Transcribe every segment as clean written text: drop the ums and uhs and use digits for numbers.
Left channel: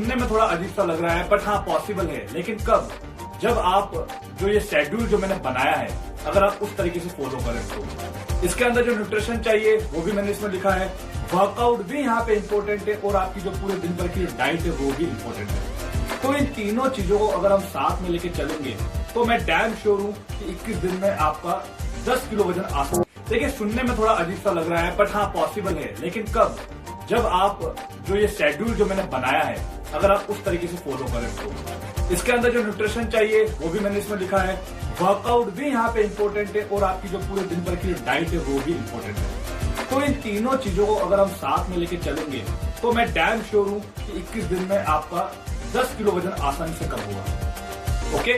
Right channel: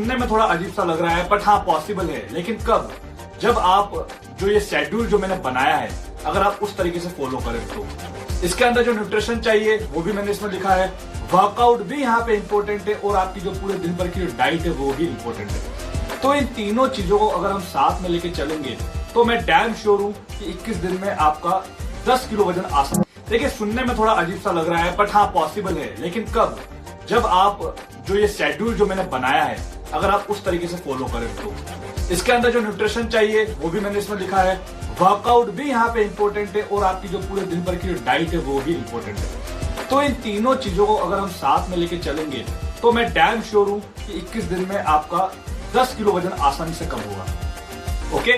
सुनने में थोड़ा अजीब सा लग रहा है, बट हाँ पॉसिबल है। लेकिन कब? जब आप जो ये शेड्यूल जो मैंने बनाया है, अगर आप उस तरीके से फॉलो करें तो इसके अंदर जो न्यूट्रिशन चाहिए वो भी मैंने इसमें लिखा है, वर्कआउट भी यहाँ पे इंपॉर्टेंट है, और आपकी जो पूरे दिन भर की जो डाइट है वो भी इंपॉर्टेंट है। तो इन तीनों चीजों को अगर हम साथ में लेके चलेंगे तो मैं डैम श्योर हूं कि 21 दिन में आपका 10 किलो वजन आसान। देखिए, सुनने में थोड़ा अजीब सा लग रहा है, बट हाँ पॉसिबल है। लेकिन कब? जब आप जो ये शेड्यूल जो मैंने बनाया है, अगर आप उस तरीके से फॉलो करें तो इसके अंदर जो न्यूट्रिशन चाहिए वो भी मैंने इसमें लिखा है, वर्कआउट भी यहाँ पे इंपॉर्टेंट है, और आपकी जो पूरे दिन भर की जो डाइट है वो भी इंपॉर्टेंट है। तो इन तीनों चीजों को अगर हम साथ में लेके चलेंगे तो मैं डैम श्योर हूं कि 21 दिन में आपका 10 किलो वजन आसानी से कम होगा। ओके,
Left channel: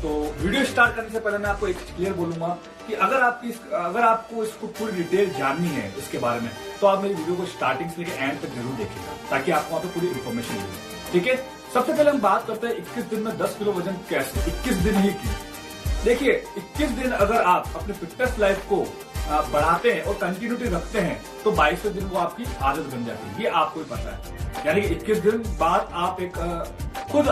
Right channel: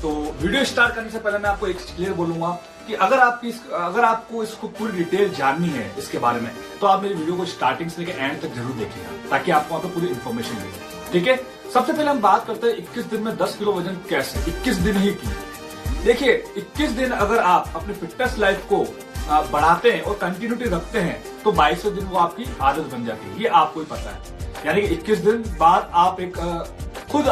तो वीडियो स्टार्ट करने से पहले मैं आपको एक क्लियर बोलूंगा कि अगर आपको इसको पूरी डिटेल जाननी है इसके बारे में, तो आप मेरी वीडियो को स्टार्टिंग से लेकर एंड तक जरूर देखिएगा, ताकि आपको वहां पे पूरी इन्फॉर्मेशन मिले। ठीक है, सबसे पहले हम बात करते हैं 21 दिन में 10 किलो वजन कैसे। 21 दिन ही की। देखिए, 21 दिन अगर आप अपने फिटनेस लाइफ को बढ़ाते हैं और कंटिन्यूटी रखते हैं तो 22वें दिन वो आपकी आदत बन जाती है। ये आपको ही पता है। यानी कि 21 दिन बाद आप खुद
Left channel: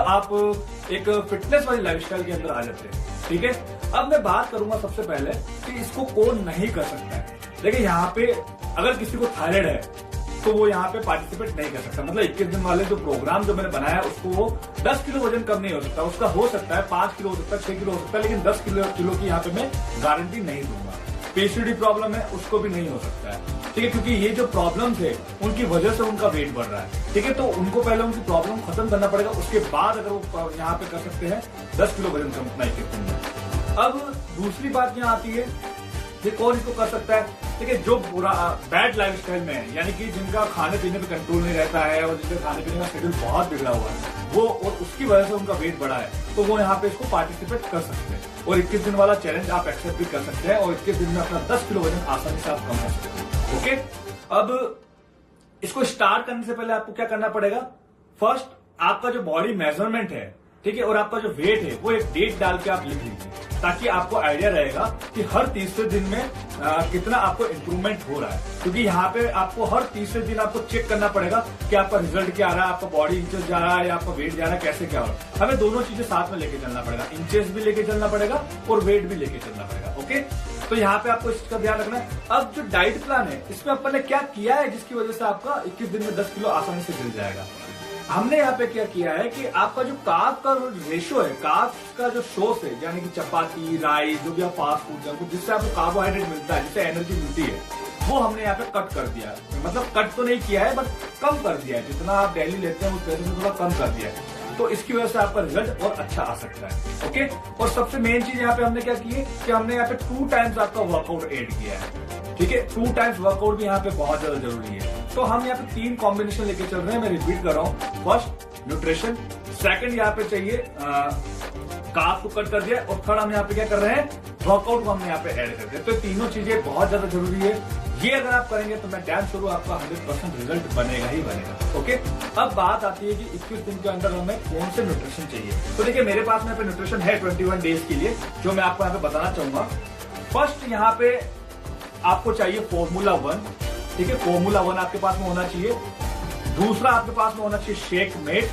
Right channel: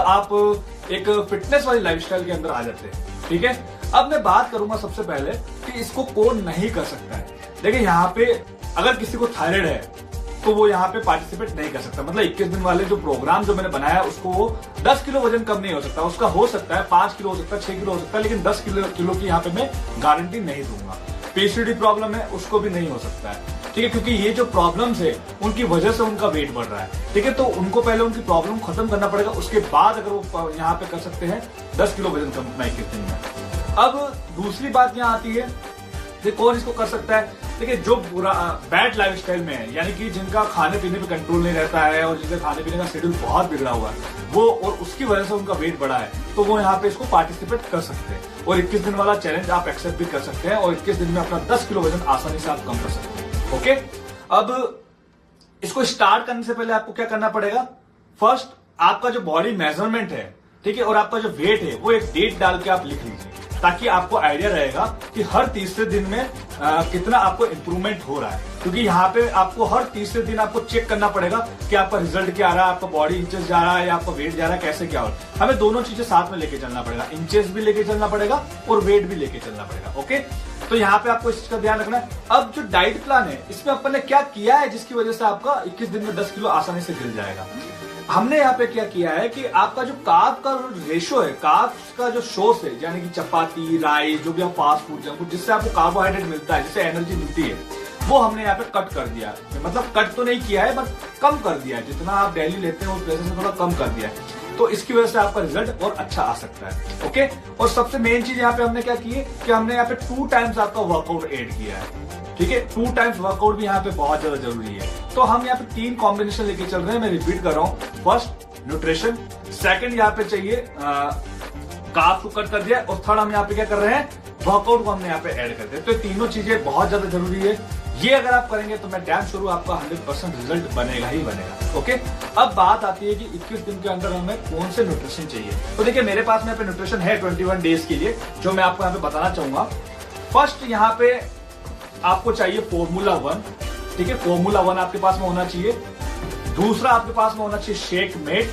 एक फिटनेस वाली लाइफस्टाइल के अंदर आ जाते हैं। ठीक है, अब मैं बात करूंगा सबसे पहले कि इसको कौन नहीं कर सकता है। देखिए, यहाँ पे अगर किसी को थायराइड है तो वो यहाँ पे पार्टिसिपेट नहीं कर सकता। मतलब 21 दिन वाले जो प्रोग्राम जो मैंने बनाया है उसको वो 10 किलो वजन कम नहीं हो सकता। उसका हो सकता है 5 किलो हो सकता है, 6 किलो हो सकता है, लेकिन 10 किलो की यहाँ पे मैं गारंटी नहीं दूंगा। पीसीओडी प्रॉब्लम है उसको भी नहीं हो सकता है। ठीक है, क्योंकि ये जो प्रॉब्लम्स है उनकी वजह से उनका वेट बढ़ रहा है। ठीक है, तो उनको पहले उनकी प्रॉब्लम खत्म करना पड़ेगा, उसके बाद अगर वो यहाँ पे कर सकते हैं 10 किलो वजन कम 21 दिन में। अब दूसरी बात यहाँ आती है कि कौन इसको कर सकता है। देखिए, जो बैड लाइफस्टाइल में है, यानी कि जिनका खाने पीने पे कंट्रोल नहीं रहता है और जिनका खाने पीने का शेड्यूल बहुत बिगड़ा हुआ है वो, और उसकी वजह से उनका वेट बढ़ा है, तो वो यहाँ पे इसको पार्टिसिपेट कर सकते हैं और 21 दिन वाला चैलेंज आप एक्सेप्ट भी कर सकते हैं और 21 दिन में अपना 10 किलो वजन आसानी से आप कम कर सकते हैं। ओके, अब इसको स्टार्ट करने से पहले आपको क्या करना पड़ेगा? फर्स्ट, आपका जो बॉडी मेजरमेंट है, ठीक है, और आपका जो वेट है वो एक डेट डाल के आप लिख लीजिए, ताकि आपको आइडिया रहेगा कि हर तीसरे दिन में कितना आपको इंप्रूवमेंट हो रहा है। क्योंकि यहाँ पे आपको हर तीसरे दिन आपको चेक करना पड़ेगा कि आपका रिजल्ट क्या आ रहा है, आपका बॉडी इंचेस जा रहा है या आपका वेट जा रहा है, कैसे क्या हो रहा है। हमें दोनों चीजें साथ में लेके चलना पड़ेगा, इंचेस भी लेके चलना पड़ेगा और वेट भी लेके चलना पड़ेगा। ओके, तो यहाँ पे आपको इस चीज का ध्यान रखना है। अब जो डाइट प्लान है इसमें अपन ने क्या किया है जिसकी वजह से आपका 21 दिन में 10 किलो आसानी से गिर जाएगा। हमने यहाँ पे क्या किया है कि आपका जो कार्ब का रेशो है, कार्ब का जो सोर्स है, यानी कि चपाती, राइस, जो भी आप फास्ट फूड, जंक फूड, जिससे आपको कार्बोहाइड्रेट मिलता है, जिससे एनर्जी मिलती है, वो हमने यहाँ पे कट कर दिया। मतलब कट तो नहीं किया है, बट कम कर दिया है। जितना आप डेली लेते हैं उस वजह से थोड़ा कम कर दिया है, तो इसकी वजह से आपका रिजल्ट और अच्छा आ सकता है। ओके, और सबसे मेन चीज यहाँ पे हमने क्या की है कि हमने यहाँ पे 2 टाइम्स आपका वर्कआउट ऐड किया है। ठीक है, 2 टाइम्स वर्कआउट भी यहाँ पे बहुत ज्यादा जरूरी है। तो हम यहाँ पे 3 कॉम्बिनेशन लेके चल रहे हैं। मैं रिपीट कर रहा हूँ। First, nutrition. सेकंड, यहाँ पे चाहिए कार्ब को कट कर दिया, और थर्ड हम यहाँ पे क्या कर रहे हैं, वर्कआउट को हमने यहाँ पे ऐड कर दिया। तो तीनों चीजें बहुत ज्यादा जरूरी है। ये अगर आप करेंगे तो मैं डैम श्योर हूं आपका 100% रिजल्ट बनेगा ही बनेगा। ओके, अब बात आती है कि 21 दिन के अंदर हमें कौन से न्यूट्रिशन चाहिए। तो देखिए, मेरे पास में यहाँ पे न्यूट्रिशन है 21 डेज के लिए, जो मैं आपको यहाँ पे बताना चाहूंगा। फर्स्ट, यहाँ पे आपको चाहिए फॉर्मूला 1। ठीक है, फॉर्मूला 1 आपके पास में होना चाहिए। दूसरा आपके पास में होना चाहिए शेक मेट।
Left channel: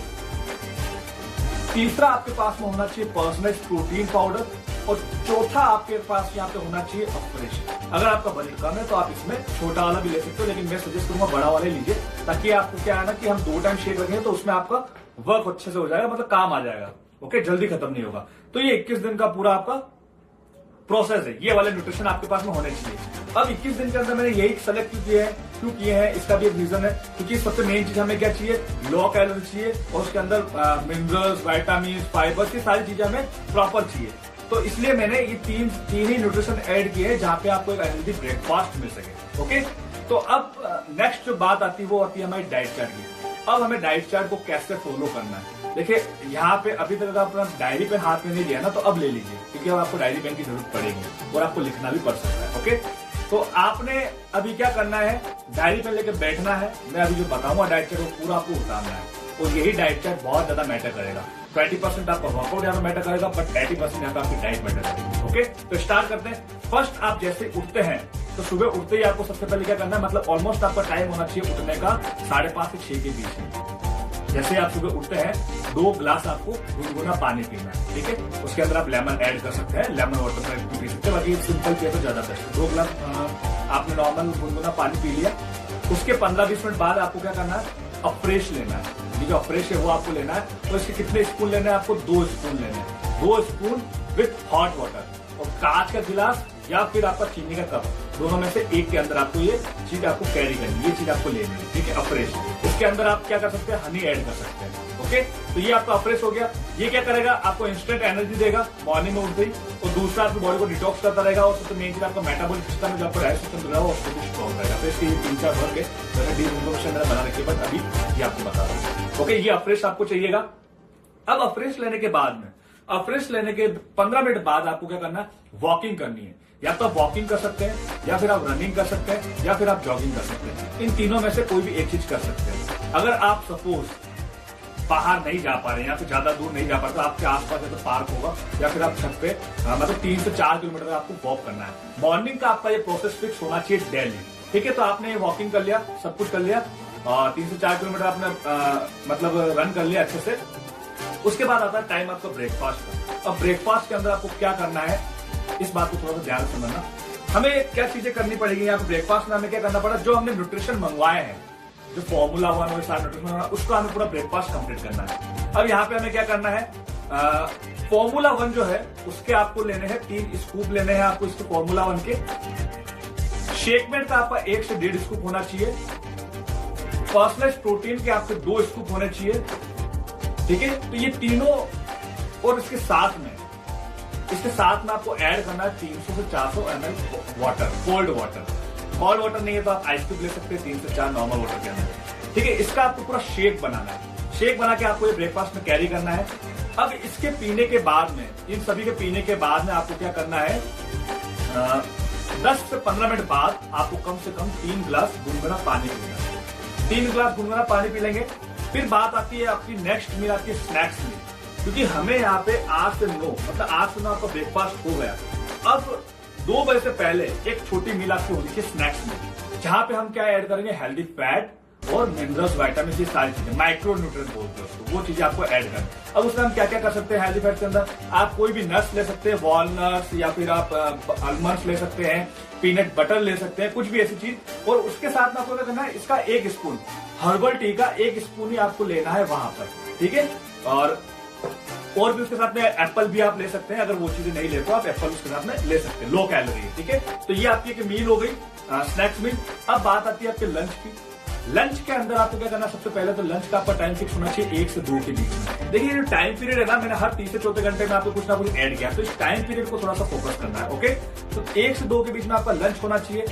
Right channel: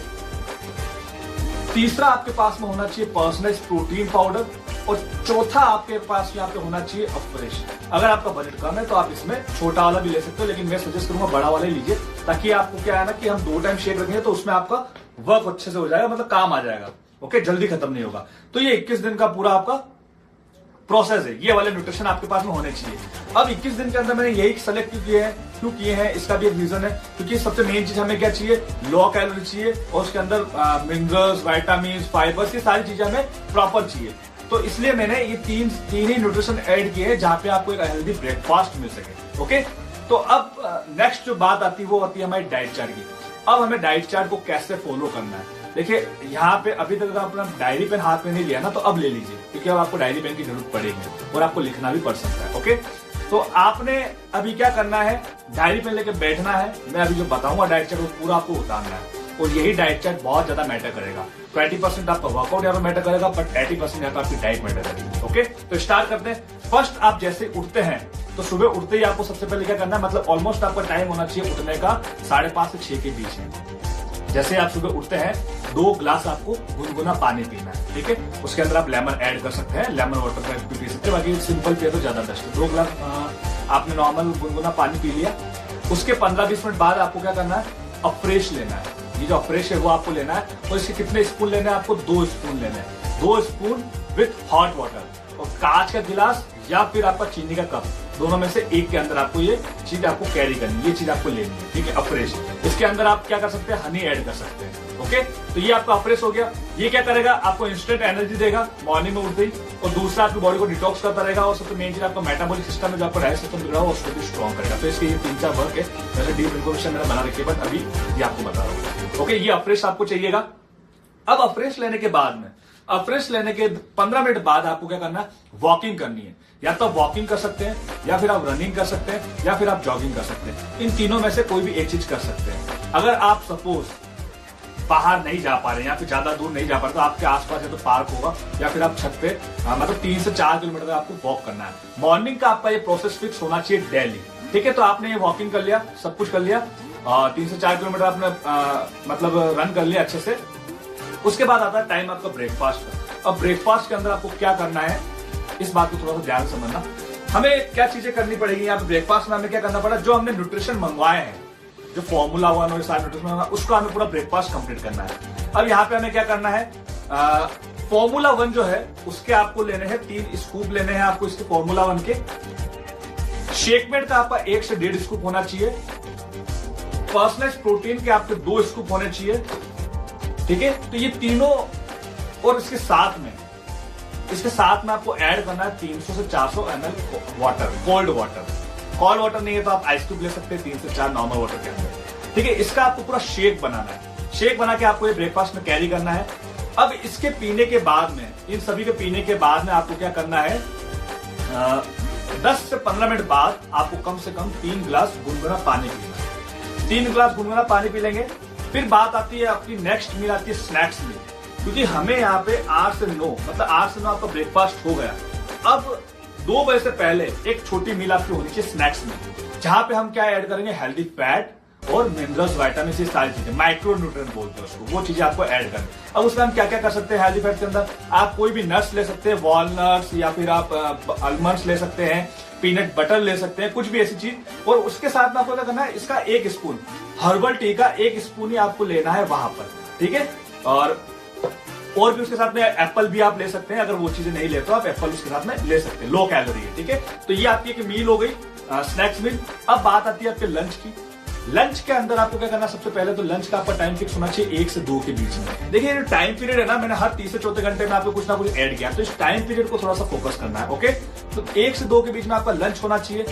तीसरा आपके पास में होना चाहिए पर्सनलाइज्ड प्रोटीन पाउडर, और चौथा आपके पास यहाँ पे होना चाहिए अफ्रेश। अगर आपका बजट कम है तो आप इसमें छोटा वाला भी ले सकते हो, लेकिन मैं सजेस्ट करूंगा बड़ा वाला ही लीजिए, ताकि आपको क्या है ना कि हम 2 टाइम शेक रखेंगे तो उसमें आपका वर्क अच्छे से हो जाएगा, मतलब काम आ जाएगा। ओके, जल्दी खत्म नहीं होगा। तो ये 21 दिन का पूरा आपका प्रोसेस है। ये वाले न्यूट्रिशन आपके पास में होने चाहिए। अब 21 दिन के अंदर मैंने यही सेलेक्ट क्यों किए हैं, इसका भी एक रीजन है, क्योंकि सबसे मेन चीज हमें क्या चाहिए, लो कैलोरी चाहिए, और उसके अंदर मिनरल्स, विटामिन, फाइबर, ये सारी चीजें हमें प्रॉपर चाहिए। तो इसलिए मैंने ये तीन ही न्यूट्रिशन ऐड किए हैं, जहां पे आपको एक हेल्दी ब्रेकफास्ट मिल सके। ओके, तो अब नेक्स्ट जो बात आती है वो आती है हमारी डाइट चार्ट की। अब हमें डाइट चार्ट को कैसे फॉलो करना है। देखिए, यहाँ पे अभी तक अगर अपना डायरी पेन हाथ में नहीं लिया ना, तो अब ले लीजिए, क्योंकि अब आपको डायरी पेन की जरूरत पड़ेगी और आपको लिखना भी पड़ सकता है। ओके, तो आपने अभी क्या करना है, डायरी पेन लेके बैठना है। मैं अभी जो बताऊंगा डाइट चार्ट वो पूरा आपको उतारना है, और यही डाइट चार्ट बहुत ज्यादा मैटर करेगा। 20% आपका वर्कआउट यहाँ पे मैटर करेगा, बट 80% यहाँ पे आपकी डाइट मैटर करेगी। ओके, तो स्टार्ट करते हैं। फर्स्ट, आप जैसे उठते हैं तो सुबह उठते ही आपको सबसे पहले क्या करना है, मतलब ऑलमोस्ट आपका टाइम होना चाहिए उठने का 5:30 से 6 के बीच में। जैसे आप सुबह उठते हैं 2 ग्लास आपको गुनगुना पानी पीना है, ठीक है। उसके अंदर आप लेमन ऐड कर सकते हैं, लेमन वाटर पैक भी पी सकते हैं, बाकी सिंपल पिए तो ज्यादा बेस्ट है। 2 ग्लास आपने नॉर्मल गुनगुना पानी पी लिया। उसके 15-20 मिनट बाद आपको क्या करना है, अफ्रेश लेना है। ये जो अफ्रेश है वो आपको लेना है, और इसके कितने स्पून लेने हैं आपको, 2 स्पून लेने हैं। 2 स्पून विथ हॉट वाटर, और कांच का गिलास या फिर आपका चीनी का कप, दोनों में से एक के अंदर आपको ये चीज आपको कैरी करनी है, ये चीज आपको लेनी है, ठीक है। अफ्रेश, इसके अंदर आप क्या कर सकते हैं, हनी ऐड कर सकते हैं, ओके। तो ये आपका अफ्रेश हो गया। ये क्या करेगा, आपको इंस्टेंट एनर्जी देगा मॉर्निंग में उठते ही, और दूसरा आपकी बॉडी को डिटॉक्स करता रहेगा, और सबसे मेन चीज आपका मेटाबॉलिक सिस्टम में जो आपका डाइजेस्ट सिस्टम रहेगा उसको भी स्ट्रॉन्ग करेगा। तो इसके ये 3-4 वर्क है, वैसे डीप इन्फॉर्मेशन मैंने बना रखी है, बट अभी ये आपको बता रहा हूँ, ओके। ये अफ्रेश आपको चाहिएगा। अब अफ्रेश लेने के बाद में, अफ्रेश लेने के 15 मिनट बाद आपको क्या करना है, वॉकिंग करनी है। या तो आप वॉकिंग कर सकते हैं, या फिर आप रनिंग कर सकते हैं, या फिर आप जॉगिंग कर सकते हैं। इन तीनों में से कोई भी एक चीज कर सकते हैं। अगर आप सपोज बाहर नहीं जा पा रहे हैं या फिर ज्यादा दूर नहीं जा पा रहे, तो आपके आसपास है तो पार्क होगा, या फिर आप छत पे मतलब 3 से 4 किलोमीटर आपको वॉक करना है। मॉर्निंग का आपका ये प्रोसेस फिक्स होना चाहिए डेली, ठीक है। तो आपने ये वॉकिंग कर लिया, सब कुछ कर लिया, 3 से 4 किलोमीटर आपने मतलब रन कर लिया अच्छे से। उसके बाद आता है टाइम आपका ब्रेकफास्ट का। अब ब्रेकफास्ट के अंदर आपको क्या करना है, इस बात को थोड़ा सा ध्यान से समझना। हमें क्या चीजें करनी पड़ेगी यहाँ पे ब्रेकफास्ट में, हमें क्या करना पड़ा, जो हमने न्यूट्रिशन मंगवाए हैं, जो फॉर्मूला 1 और सारे न्यूट्रिशन, उसको हमें पूरा ब्रेकफास्ट कंप्लीट करना है। अब यहाँ पे हमें क्या करना है, फॉर्मूला 1 जो है उसके आपको लेने हैं 3 स्कूप लेने हैं आपको इसके फॉर्मूला 1 के। शेकमेट का आपका 1 से 1.5 स्कूप होना चाहिए। पर्सनलाइज्ड प्रोटीन के आपके 2 स्कूप होने चाहिए, ठीक है। तो ये तीनों, और इसके साथ में आपको ऐड करना है 300 से 400 ml water, cold water. Cold water नहीं है तो आप आइस क्यूब ले सकते हैं 3 से 4 नॉर्मल वाटर के अंदर, ठीक है। इसका आपको पूरा शेक बनाना है। शेक बना के आपको ये ब्रेकफास्ट में कैरी करना है। अब इसके पीने के बाद में, इन सभी के पीने के बाद में आपको क्या करना है, 10 से 15 मिनट बाद आपको कम से कम 3 ग्लास गुनगुना पानी पीना है। 3 ग्लास गुनगुना पानी पी लेंगे। फिर बात आती है आपकी नेक्स्ट मील, आती है स्नैक्स मील, क्योंकि हमें यहाँ पे 8 से 9 मतलब 8 से 9 आपका ब्रेकफास्ट हो गया। अब 2 बजे से पहले एक छोटी मील आपकी होनी चाहिए स्नैक्स में, जहां पे हम क्या ऐड करेंगे, हेल्दी फैट और मिनरल्स, विटामिन, ये सारी चीजें, माइक्रो न्यूट्रिएंट बोलते हैं उसको, वो चीजें आपको ऐड करनी। अब उसमें हम क्या क्या कर सकते हैं, हेल्दी फैट के अंदर आप कोई भी नट्स ले सकते हैं, वॉलनट्स, या फिर आप आलमंड्स ले सकते हैं, पीनट बटर ले सकते हैं, कुछ भी ऐसी चीज। और उसके साथ में आपको क्या करना है, इसका 1 स्पून हर्बल टी का 1 स्पून ही आपको लेना है वहां पर, ठीक है। और भी उसके साथ में एप्पल भी आप ले सकते हैं, अगर वो चीजें नहीं लेते तो आप एप्पल उसके साथ में ले सकते हैं, लो कैलोरी है, ठीक है। तो ये आपकी एक मील हो गई, स्नैक्स मील। अब बात आती है आपके लंच की। लंच के अंदर आपको क्या करना है, सबसे पहले तो लंच का आपका टाइम फिक्स होना चाहिए 1 से 2 के बीच में। देखिए ये टाइम पीरियड है ना, मैंने हर 3 से 4 घंटे में आपको कुछ ना कुछ ऐड किया, तो इस टाइम पीरियड को थोड़ा सा फोकस करना है, ओके। तो 1 से 2 के बीच में आपका लंच होना चाहिए।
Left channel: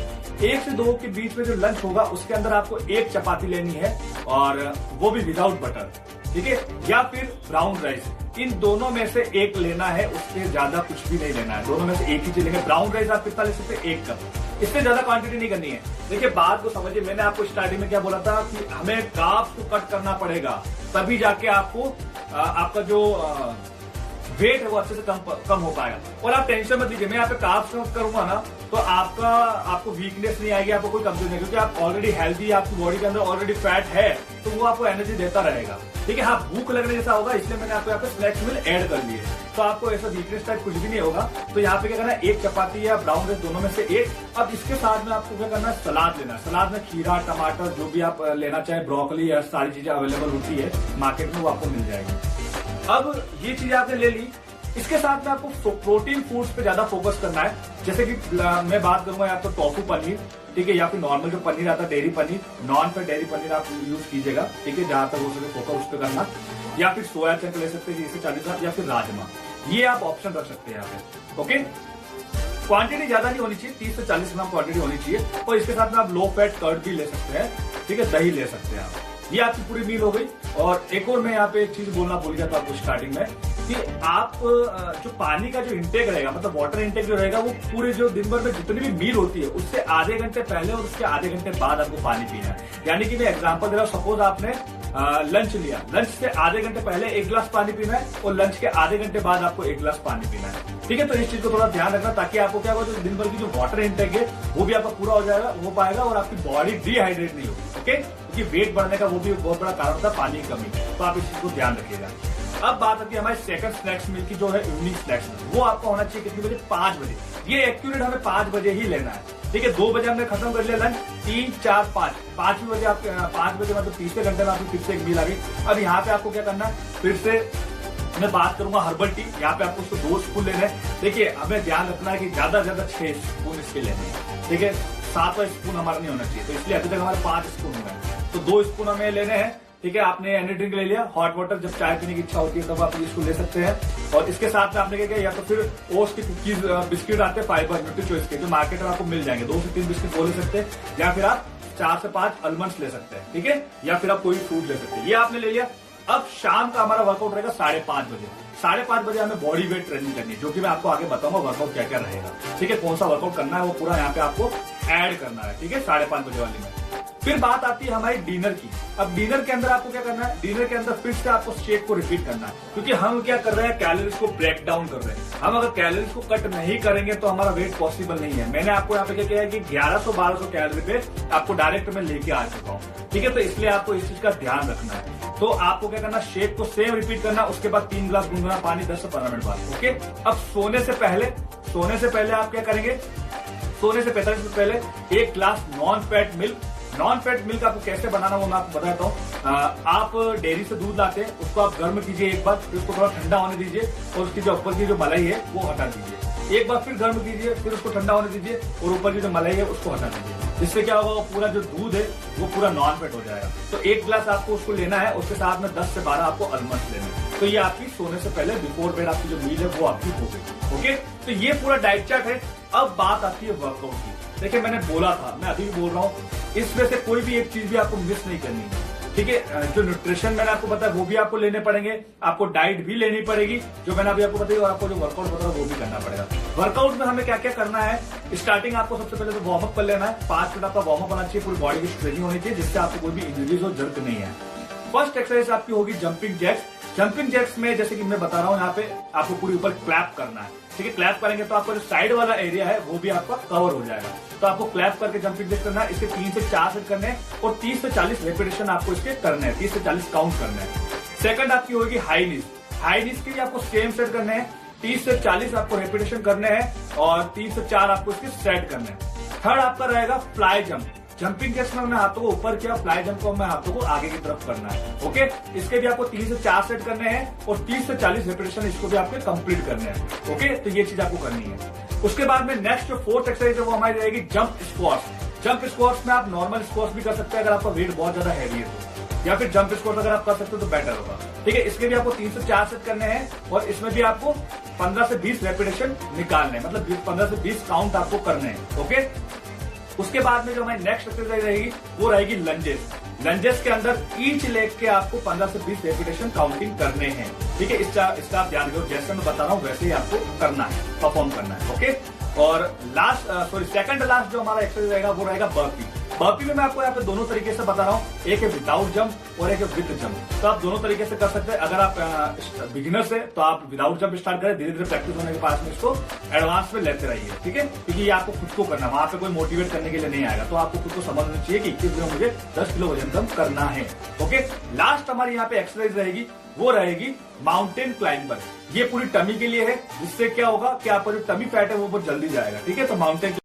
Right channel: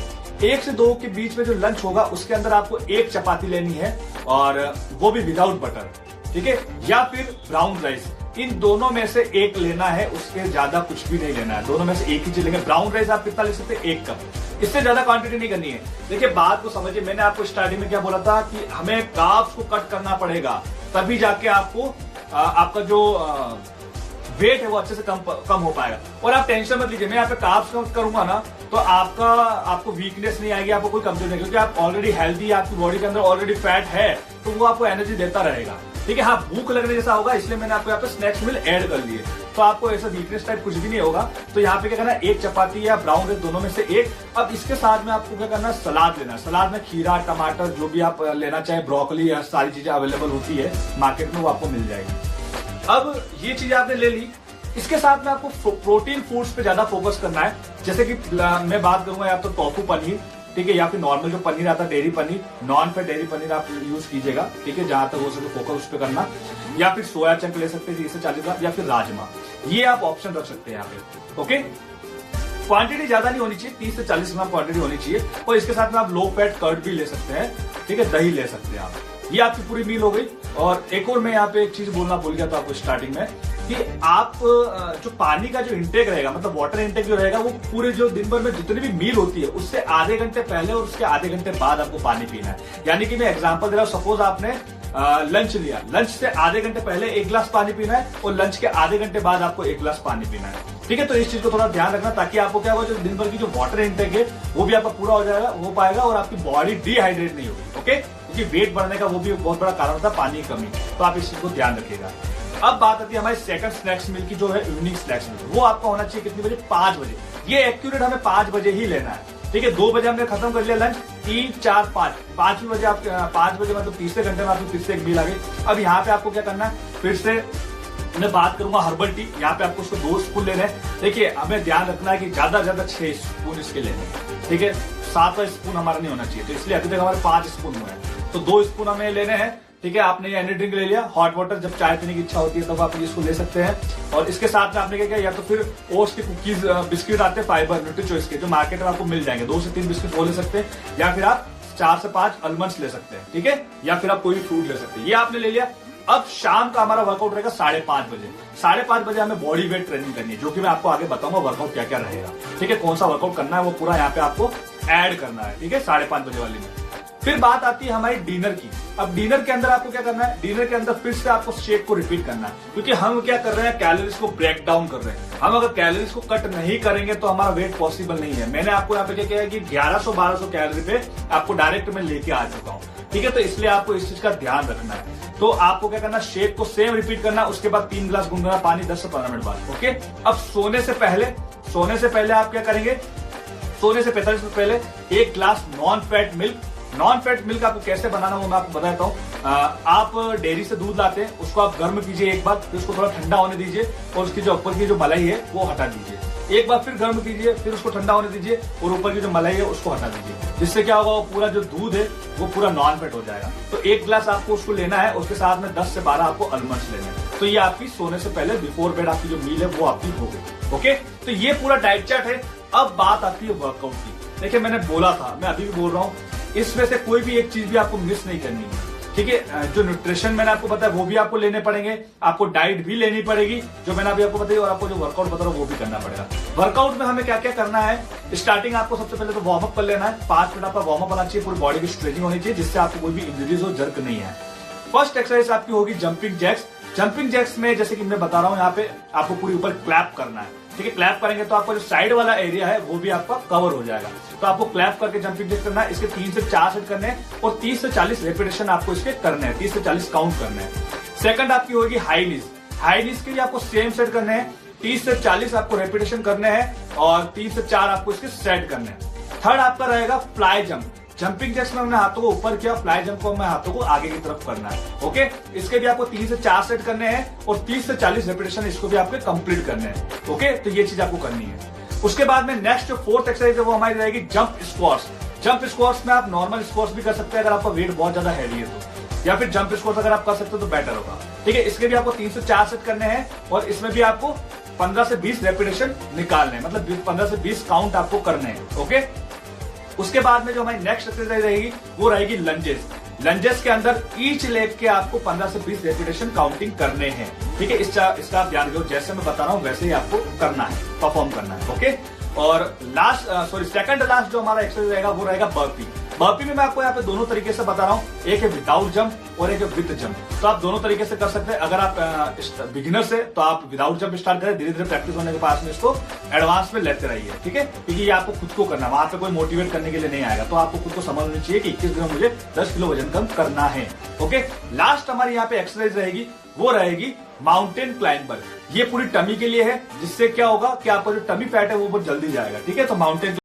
1 से 2 के बीच में जो लंच होगा उसके अंदर आपको 1 चपाती लेनी है, और वो भी विदाउट बटर, ठीक है, या फिर ब्राउन राइस। इन दोनों में से एक लेना है, उससे ज्यादा कुछ भी नहीं लेना है, दोनों में से एक ही चीज लेंगे। ब्राउन राइस आप कितना ले सकते हैं, 1 कप, इससे ज्यादा क्वांटिटी नहीं करनी है। देखिए बात को समझिए, मैंने आपको स्टार्टिंग में क्या बोला था कि हमें कार्ब्स को कट करना पड़ेगा, तभी जाके आपको आपका जो वेट है वो अच्छे से कम हो पाएगा। और आप टेंशन मत लीजिए, मैं यहाँ पे कार्ब्स कम करूंगा ना तो आपको वीकनेस नहीं आएगी, आपको कोई कमजोरी नहीं, क्योंकि आप ऑलरेडी हेल्दी, आपकी बॉडी के अंदर ऑलरेडी फैट है, तो वो आपको एनर्जी देता रहेगा, ठीक है। हाँ, भूख लगने जैसा होगा, इसलिए मैंने आपको यहाँ पे स्नैक्स मील ऐड कर लिए, तो आपको ऐसा वीकनेस टाइप कुछ भी नहीं होगा। तो यहाँ पे क्या करना है, 1 चपाती या ब्राउन राइस, दोनों में से 1। अब इसके साथ में आपको क्या करना है, सलाद लेना है। सलाद में खीरा, टमाटर, जो भी आप लेना चाहे, ब्रोकली, या सारी चीजें अवेलेबल होती है मार्केट में, वो आपको मिल जाएगी। अब ये चीजें आपने ले ली, इसके साथ में आपको प्रोटीन फूड्स पे ज्यादा फोकस करना है। जैसे कि मैं बात करूंगा या तो टोफू पनीर, ठीक है, या फिर नॉर्मल जो पनीर आता है dairy paneer, non fat dairy paneer आप यूज कीजिएगा, ठीक है, जहां तक हो सके फोकस उस पर करना। या फिर सोया चंक ले सकते हैं 30 से 40 ग्राम, या फिर राजमा, ये आप ऑप्शन रख सकते हैं यहाँ पे, ओके। क्वांटिटी ज्यादा नहीं होनी चाहिए, 30 से 40 ग्राम क्वांटिटी होनी चाहिए। और इसके साथ में आप लो फैट कर्ड भी ले सकते हैं, ठीक है, दही ले सकते हैं आप। ये आपकी पूरी मील हो गई। और एक और मैं यहाँ पे एक चीज बोलना भूल गया था आपको स्टार्टिंग में, कि आप जो पानी का जो इंटेक रहेगा, मतलब वाटर इंटेक जो रहेगा, वो पूरे जो दिन भर में जितनी भी मील होती है उससे आधे घंटे पहले और उसके आधे घंटे बाद आपको पानी पीना है। यानी कि मैं एग्जांपल दे रहा हूँ, सपोज आपने लंच लिया, लंच से आधे घंटे पहले 1 गिलास पानी पीना है और लंच के आधे घंटे बाद आपको 1 गिलास पानी पीना है। ठीक है, तो इस चीज को थोड़ा ध्यान रखना ताकि आपको क्या होगा, जो दिन भर की जो वाटर इंटेक है वो भी आपका पूरा हो पाएगा और आपकी बॉडी डिहाइड्रेट नहीं होगी। ओके, क्योंकि वेट बढ़ने का वो भी बहुत बड़ा कारण होता है पानी की कमी, तो आप इस चीज को ध्यान रखिएगा। अब बात आती है हमारे सेकंड स्नैक्स मील की, जो है इवनिंग स्नैक्स मील। वो आपका होना चाहिए कितनी बजे? 5 बजे। ये एक्यूरेट हमें 5 बजे ही लेना है। ठीक है, 2 बजे हमने खत्म कर लिया लंच, 3, 4, 5, 5 बजे आप 5 बजे मतलब तीसरे घंटे में आपकी फिर से एक मील आ गई। अब यहाँ पे आपको क्या करना है, फिर से मैं बात करूंगा हर्बल टी। यहाँ पे आपको उसको 2 स्पून लेने हैं। देखिए, हमें ध्यान रखना है कि ज्यादा से ज्यादा 6 स्पून इसके लेने हैं। ठीक है, 7वां स्पून हमारा नहीं होना चाहिए, तो इसलिए अभी तक हमारे 5 स्पून हुए हैं, तो 2 स्पून हमें लेने हैं। ठीक है, आपने एनर्जी ड्रिंक ले लिया, हॉट वाटर जब चाय पीने की इच्छा होती है तब आप इसको ले सकते हैं। और इसके साथ में आपने क्या किया, या तो फिर ओट्स की कुकीज बिस्किट आते हैं फाइबर न्यूट्री चॉइस के, जो मार्केट में आपको मिल जाएंगे, 2 से 3 बिस्किट वो ले सकते हैं, या फिर आप 4 से 5 आलमंड्स ले सकते हैं। ठीक है, या फिर आप कोई फ्रूट ले सकते हैं। ये आपने ले लिया। अब शाम का हमारा वर्कआउट रहेगा 5:30 बजे। 5:30 बजे हमें बॉडी वेट ट्रेनिंग करनी है, जो कि मैं आपको आगे बताऊंगा वर्कआउट क्या क्या रहेगा। ठीक है, कौन सा वर्कआउट करना है वो पूरा यहाँ पे आपको ऐड करना है। ठीक है, 5:30 बजे वाली में। फिर बात आती है हमारी डिनर की। अब डिनर के अंदर आपको क्या करना है, डिनर के अंदर फिर से आपको शेक को रिपीट करना है, क्योंकि हम क्या कर रहे हैं, कैलोरीज को ब्रेक डाउन कर रहे हैं। हम अगर कैलोरीज को कट नहीं करेंगे तो हमारा वेट पॉसिबल नहीं है। मैंने आपको यहाँ पे क्या किया है कि 1100-1200 कैलोरी पे आपको डायरेक्ट में लेके आ चुका हूँ। ठीक है, तो इसलिए आपको इस चीज का ध्यान रखना है। तो आपको क्या करना, शेक को सेम रिपीट करना, उसके बाद 3 गिलास गुनगुना पानी 10 से 15 मिनट बाद। ओके, अब सोने से पहले आप क्या करेंगे, सोने से 45 मिनट पहले 1 गिलास non fat milk. Non fat milk आपको कैसे बनाना वो मैं आपको बताता हूँ। आप डेयरी से दूध लाते हैं, उसको आप गर्म कीजिए एक बार, फिर उसको थोड़ा ठंडा होने दीजिए और उसकी जो ऊपर की जो मलाई है वो हटा दीजिए। एक बार फिर गर्म कीजिए, फिर उसको ठंडा होने दीजिए और ऊपर की जो मलाई है उसको हटा दीजिए। जिससे क्या होगा, वो पूरा जो दूध है वो पूरा नॉन फैट हो जाएगा। तो 1 गिलास आपको उसको लेना है, उसके साथ में 10 से 12 आपको आलमंड्स लेने हैं। तो ये आपकी सोने से पहले बिफोर बेड आपकी जो मील है वो आपकी हो गई। ओके, तो ये पूरा डाइट चार्ट है। अब बात आती है वर्कआउट की। देखिए, मैंने बोला था, मैं अभी भी बोल रहा हूँ, इसमें से कोई भी एक चीज भी आपको मिस नहीं करनी है। ठीक है, जो न्यूट्रिशन मैंने आपको बताया वो भी आपको लेने पड़ेंगे, आपको डाइट भी लेनी पड़ेगी जो मैंने अभी आपको बताई, और आपको जो वर्कआउट बता रहा हूं वो भी करना पड़ेगा। वर्कआउट में हमें क्या क्या करना है, स्टार्टिंग आपको सबसे पहले तो वार्म अप कर लेना है। 5 मिनट आपका वार्म अप होना चाहिए, पूरी बॉडी की स्ट्रेचिंग होनी चाहिए, जिससे आपको कोई भी इंजरीज और जर्क नहीं है। फर्स्ट एक्सरसाइज आपकी होगी जंपिंग जैक्स। जंपिंग जैक्स में जैसे कि मैं बता रहा हूँ, यहाँ पे आपको पूरी ऊपर क्लैप करना है। ठीक है, क्लैप करेंगे तो आपका जो साइड वाला एरिया है वो भी आपका कवर हो जाएगा। तो आपको क्लैप करके जंपिंग जैक्स करना है। इसके 3 से 4 सेट करने हैं और 30 से 40 रेपिटेशन आपको इसके करने हैं, 30 से 40 काउंट करने हैं। सेकंड आपकी होगी हाई नीज। हाई नीज के लिए आपको सेम सेट करने हैं, 30 से 40 आपको रेपिटेशन करने हैं और 3 से 4 आपको इसके सेट करने हैं। थर्ड आपका रहेगा फ्लाई जंप। जंपिंग जैक्स में हमने हाथों को ऊपर किया, फ्लाई जंप को हमें हाथों को आगे की तरफ करना है। ओके, इसके भी आपको 3 से 4 सेट करने हैं और 30 से 40 रेपिटेशन इसको भी आपके कंप्लीट करने हैं। ओके, तो ये चीज आपको करनी है। उसके बाद में नेक्स्ट जो 4th एक्सरसाइज है वो हमारी रहेगी जंप स्क्वाट्स। जंप स्क्वाट्स में आप नॉर्मल स्क्वाट्स भी कर सकते हैं अगर आपका वेट बहुत ज्यादा हैवी है तो, या फिर जंप स्क्वाट्स अगर आप कर सकते हो तो बेटर होगा। ठीक है, इसके भी आपको 3 से 4 सेट करने हैं और इसमें भी आपको 15 से 20 रेपिटेशन निकालने हैं, मतलब 15 से 20 काउंट आपको करने हैं। ओके, उसके बाद में जो हमारी नेक्स्ट एक्सरसाइज रहेगी वो रहेगी लंजेस। लंजेस के अंदर ईच लेग के आपको 15 से 20 रेपिटेशन काउंटिंग करने हैं। ठीक है, इसका आप ध्यान रखो, जैसे मैं बता रहा हूं वैसे ही आपको करना है, परफॉर्म करना है। ओके, और सेकंड लास्ट जो हमारा एक्सरसाइज रहेगा वो रहेगा बर्पी। बर्पी में मैं आपको यहाँ पे दोनों तरीके से बता रहा हूँ, एक है विदाउट जंप और एक है विद जंप। तो आप दोनों तरीके से कर सकते हैं। अगर आप बिगिनर से तो आप विदाउट जंप स्टार्ट करें, धीरे धीरे प्रैक्टिस होने के बाद में इसको एडवांस में लेते रहिए। ठीक है, क्योंकि ये आपको खुद को करना है, वहां पे कोई मोटिवेट करने के लिए नहीं आएगा। तो आपको खुद को समझ होनी चाहिए कि 21 दिन में मुझे 10 किलो वजन कम करना है। ओके, लास्ट हमारी यहाँ पे एक्सरसाइज रहेगी वो रहेगी माउंटेन क्लाइंबर। ये पूरी टमी के लिए है, जिससे क्या होगा कि आपका जो टमी फैट है वो बहुत जल्दी जाएगा। ठीक है, तो माउंटेन